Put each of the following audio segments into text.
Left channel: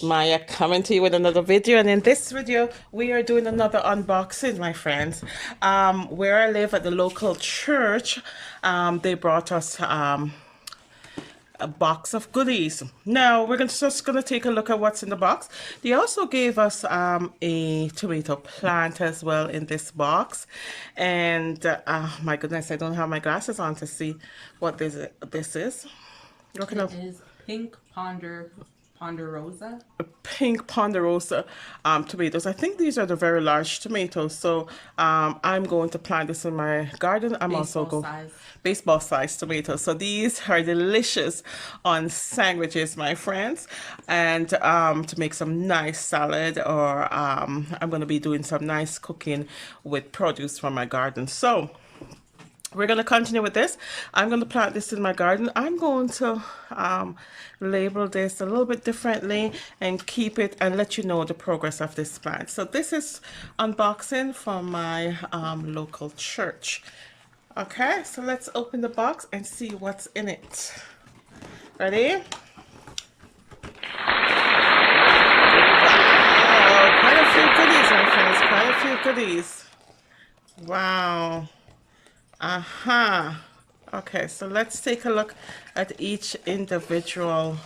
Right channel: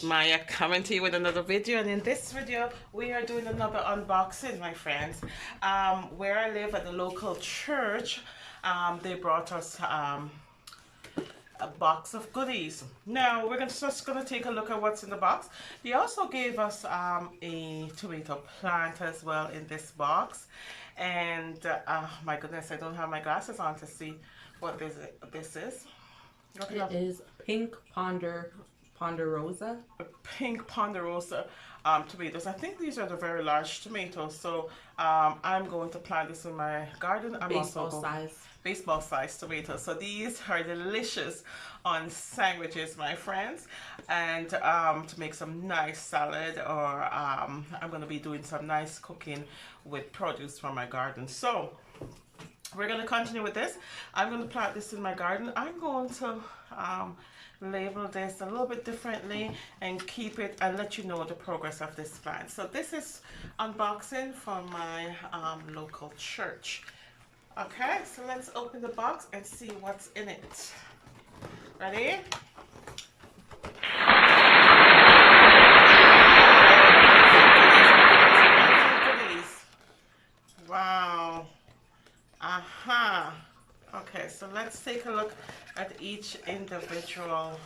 It's Maya coming to you with another video, and in this video we are doing another unboxing, my friends. Where I live at the local church, they brought us a box of goodies. Now we're just gonna take a look at what's in the box. They also gave us a tomato plant as well in this box, and my goodness, I don't have my glasses on to see what this is. It is pink ponderosa. Pink ponderosa tomatoes. I think these are the very large tomatoes, so I'm going to plant this in my garden. I'm also Baseball going size. baseball size tomatoes. So these are delicious on sandwiches, my friends, and to make some nice salad, or I'm going to be doing some nice cooking with produce from my garden. So we're going to continue with this. I'm going to plant this in my garden. I'm going to label this a little bit differently and keep it and let you know the progress of this plant. So this is unboxing from my local church. Okay, so let's open the box and see what's in it. Ready? Quite a few goodies, my friends. Quite a few goodies. Wow. Okay, so let's take a look at each individual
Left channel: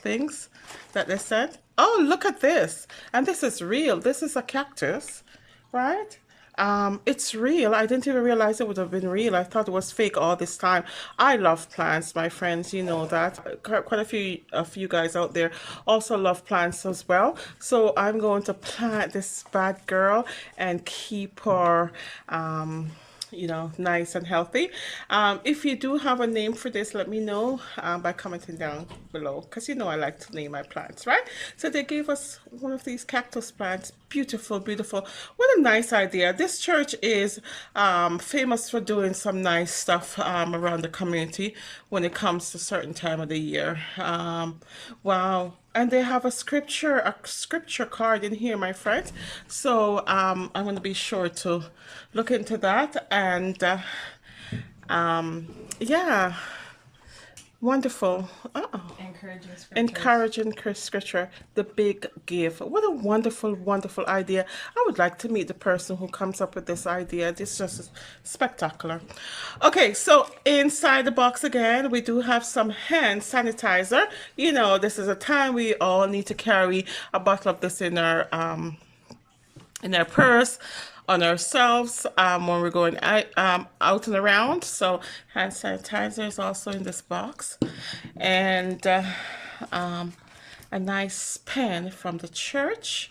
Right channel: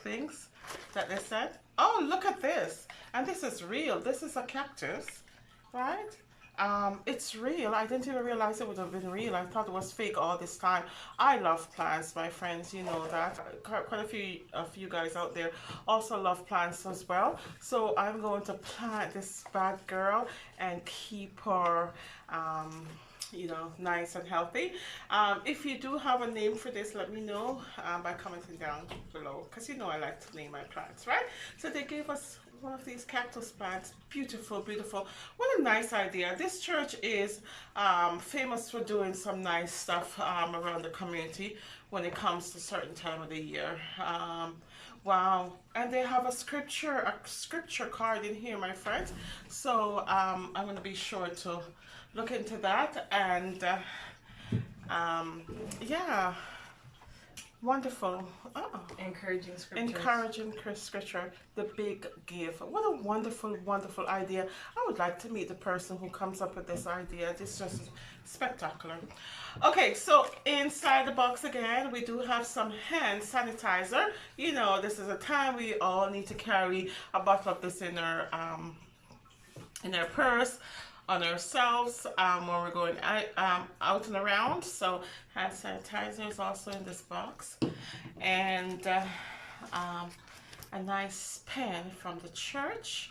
things that they said. Oh, look at this. And this is real. This is a cactus, right? It's real. I didn't even realize it would have been real. I thought it was fake all this time. I love plants, my friends. You know that. Quite a few of you guys out there also love plants as well. So I'm going to plant this bad girl and keep her you know, nice and healthy. If you do have a name for this, let me know by commenting down below, because you know I like to name my plants, right? So they gave us one of these cactus plants. Beautiful, beautiful. What a nice idea. This church is famous for doing some nice stuff around the community when it comes to certain time of the year. Wow. And they have a scripture card in here, my friends. So I'm going to be sure to look into that. And yeah, wonderful. Encouraging scriptures. Encouraging scripture, the big give. What a wonderful, wonderful idea. I would like to meet the person who comes up with this idea. This is just spectacular. Okay, so inside the box again, we do have some hand sanitizer. You know, this is a time we all need to carry a bottle of this in our purse, on ourselves when we're going out and around. So hand sanitizer is also in this box, and a nice pen from the church.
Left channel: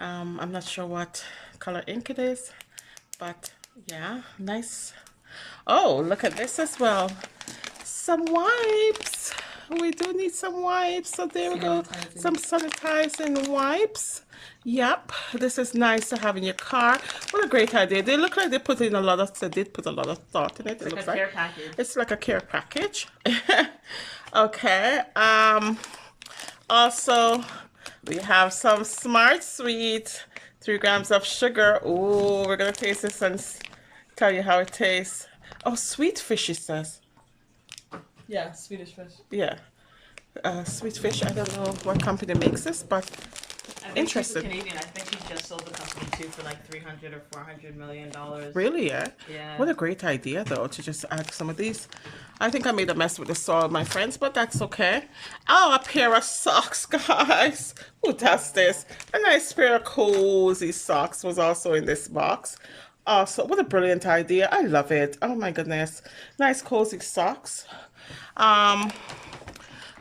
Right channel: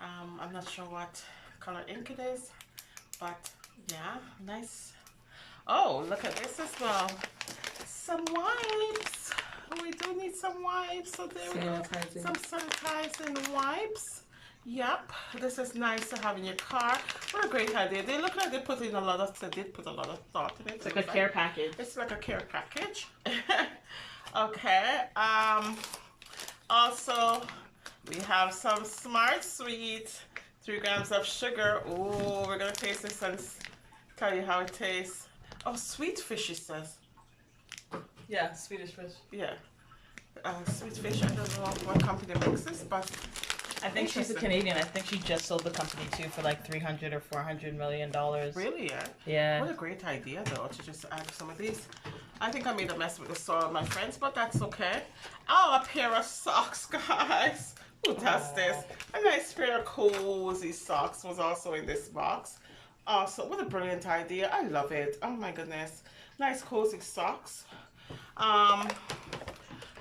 I'm not sure what color ink it is, but yeah, nice. Oh, look at this as well. Some wipes. We do need some wipes. So there we go. Some sanitizing wipes. Yep, this is nice to have in your car. What a great idea. They look like they did put a lot of thought in it. It's like a care package. It's like a care package. Okay. Also, we have some Smart Sweet, 3 grams of sugar. Oh, we're gonna taste this and tell you how it tastes. Oh, sweet fish, it says. Yeah, Swedish fish. Yeah. Sweet fish. I don't know what company makes this, but I think she's a Canadian. I think she just sold the company too for like $300 or $400 million. Really? Yeah. Yeah. What a great idea, though, to just add some of these. I think I made a mess with the soil, my friends, but that's okay. Oh, a pair of socks, guys. Who does this? A nice pair of cozy socks was also in this box. Also, what a brilliant idea. I love it. Oh my goodness. Nice cozy socks.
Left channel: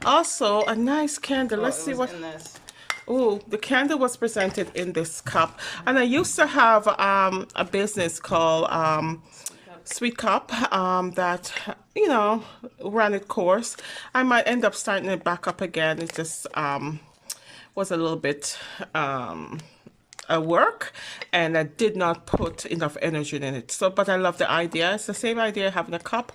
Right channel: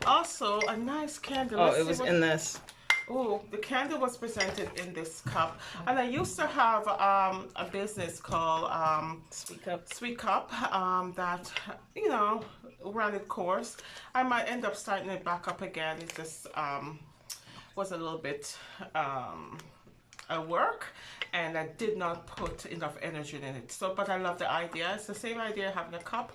Also a nice candle. Let's see what in this. Oh, the candle was presented in this cup. And I used to have a business called Sweet Cup that, you know, ran its course. I might end up starting it back up again. It just was a little bit work, and I did not put enough energy in it. So, but I love the idea. It's the same idea, having a cup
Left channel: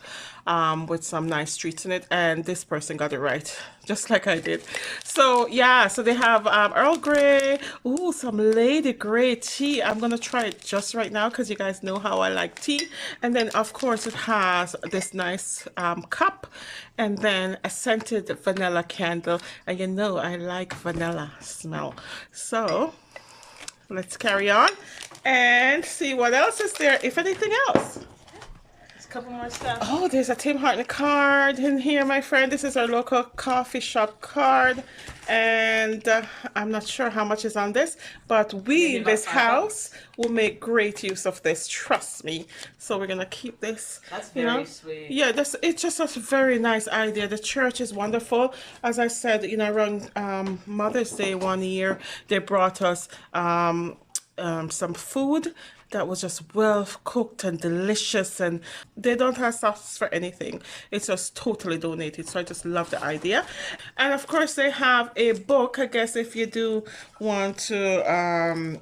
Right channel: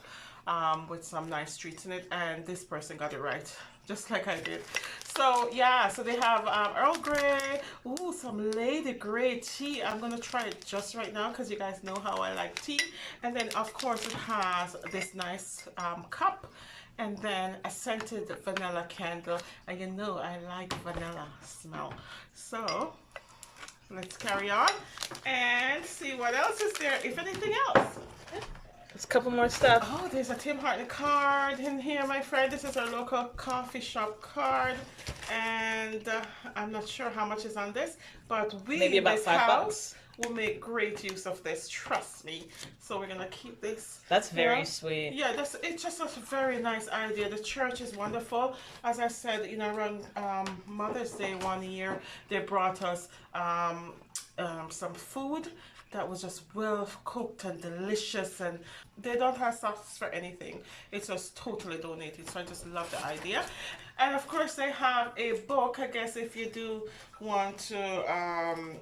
with some nice treats in it, and this person got it right, just like I did. So yeah, so they have Earl Grey, ooh, some Lady Grey tea. I'm gonna try it just right now because you guys know how I like tea. And then of course it has this nice cup, and then a scented vanilla candle, and you know I like vanilla smell. So let's carry on and see what else is there, if anything else. There's a couple more stuff. Oh, there's a Tim Horton card in here, my friend. This is our local coffee shop card, and I'm not sure how much is on this, but we in this house will make great use of this, trust me. So we're gonna keep this. That's very sweet. Yeah, it's just a very nice idea. The church is wonderful. As I said, you know, around Mother's Day one year, they brought us some food that was just well cooked and delicious, and they don't have sauce for anything. It's just totally donated, so I just love the idea. And of course they have a book, I guess, if you do want to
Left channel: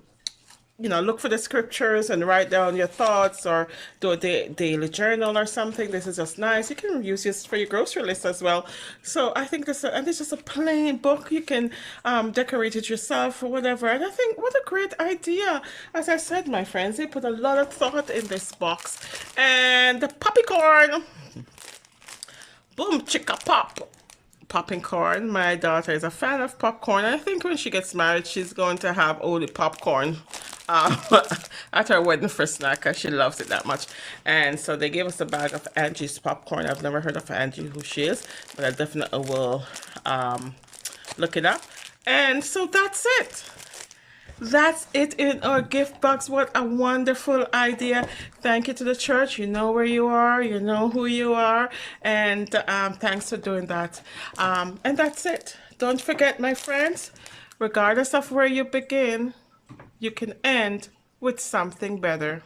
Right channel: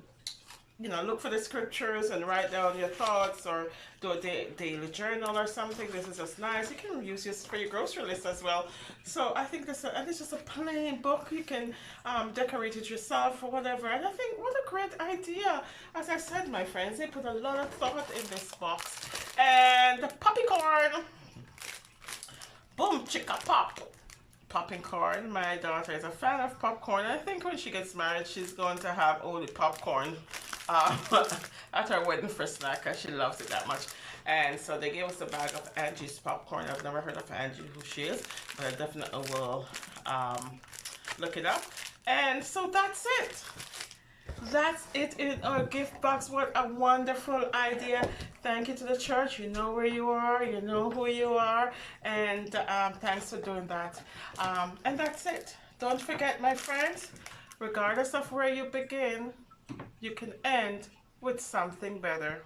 you know, look for the scriptures and write down your thoughts, or do a daily journal or something. This is just nice. You can use this for your grocery list as well. So I think this, and it's just a plain book. You can decorate it yourself or whatever. And I think what a great idea. As I said, my friends, they put a lot of thought in this box. And the popcorn, boom, chicka pop. Popping corn. My daughter is a fan of popcorn. I think when she gets married, she's going to have only popcorn at her wedding for snack, because she loves it that much. And so they gave us a bag of Angie's popcorn. I've never heard of Angie, who she is, but I definitely will look it up. And so that's it. That's it in our gift box. What a wonderful idea. Thank you to the church. You know where you are, you know who you are, and thanks for doing that. And that's it. Don't forget, my friends, regardless of where you begin, you can end with something better.